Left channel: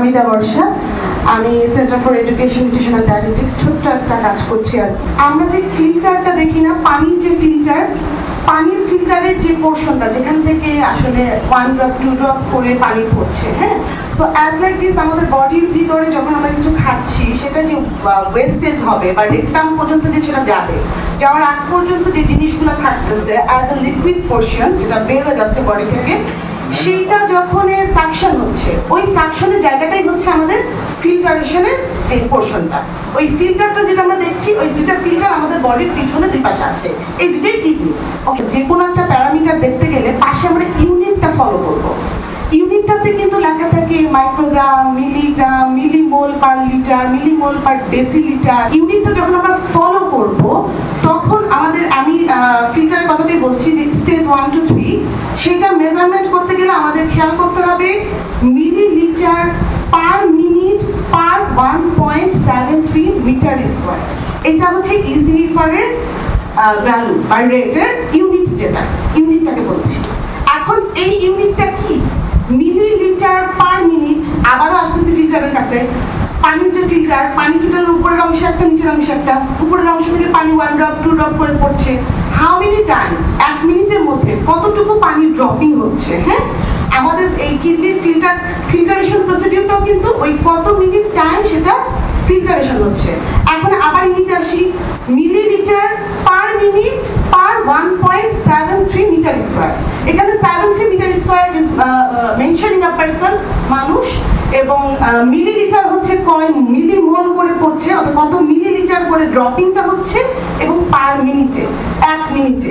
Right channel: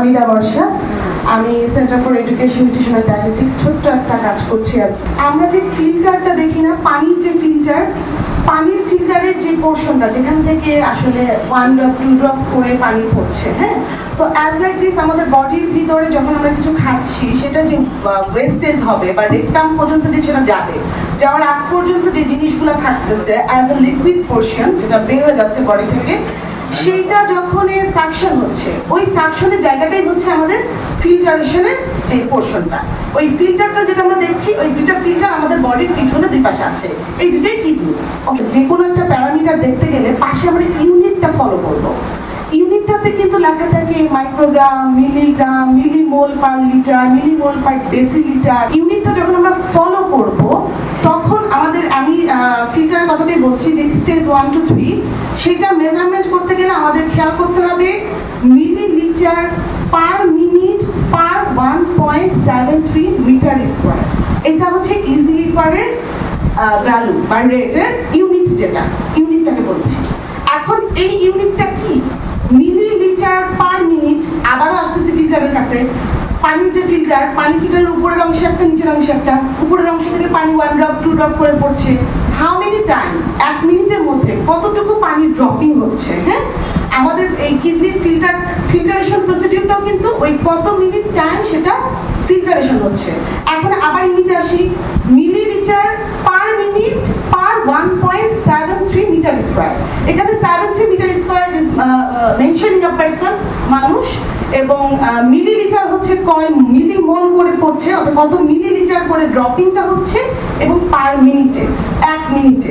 হামিদা বর্ষা। আমি centre for education nutrition and dietetics ছোট্ট একটা কাজ করছি আর আমরা যে ফিল্টারটা দেখি না পানির যে ফিল্টার পানির ফিল্টারের যে পোর্শনটা যেখান থেকে আসলে ওয়ান ড্রপ টু ড্রপ করে পানি পড়ছে হ্যাঁ? সো অ্যাজ লাইক দিস আমাদের বডির ভিতরে যখন আমরা কিছু খাচ্ছি সেটা যে ওয়েস্টেজ হবে বা রেকটাম পর্যন্ত যে সেটা যাবে যাওয়ার আগ পর্যন্ত যে জিনিসগুলো থাকতেছে অ্যাজ এ লিকুইড পোর্শন যেটা বের হয়ে যাচ্ছে বডি থেকে সেইটা যখন হচ্ছে। ওই সাকশনের জায়গাটাই হচ্ছে আমাদের ফিল্টারেশনের যে পোর্শনটা ওই ফিল্টারটা যেটা আমরা দেখছি, ওই দুইটা ফিল্টার আমাদের বডির পিছনে দুই পাশে আছে। এই দুটোই কিডনি যে কোনো একটা প্যারামিটার দেখতে গেলে পাশে আমরা ইউনিটটা ফলো করব। ইউনিটটাতে কিন্তু লেখা থাকে microgram milligram millimole per litre millimole per decilitre ইউনিটটা যখন আমরা ফলো করব তখন আমাদের আমি ফিল্টারের কথাটাই বলছি যে স্টেজ ওয়ান টু থ্রি সেটা মেজারমেন্ট করতে গেলে আমাদের খেয়াল করতে হবে millilitre per minute per one point seven three metre square এটা হচ্ছে ইজি রিফারের ভ্যালু বা রেটের ইউনিট যেটা ইউনিটটাকে বলছি। এখন এই ইউনিটটা কি মিলিলিটার পার মিনিট আবারও আসতেছি ফিল্টারের কাছে পানির যে ফিল্টার পানি ফিল্টারের উপরের অংশে একটা, নিচের অংশে একটা? উপরের অংশ থেকে পানি ওয়ান ড্রপ টু ড্রপ করে পড়ছে। হাউ মেনি টাইমস এক মিনিটের মধ্যে কতটুকু পানি ড্রপিং হচ্ছে হ্যাঁ? আমাদের এই কিডনির ফিল্টার ফিল্টারেশন প্রসিডিউরটাও কিন্তু ওই কত মিনিট টাইম সেটা ফিল্টারেশন হচ্ছে। এখন আবার ইউনিটে আসি। Millilitre per minute per one point seven three metre square এখানে seven three metre square is mentioning a person মানুষ, এবং মিলিলিটার হচ্ছে কয় করে পড়ছে অর্থাৎ কত মিলিলিটার করে ড্রপিংটা হচ্ছে এবং পার মিনিটে এক মিনিটে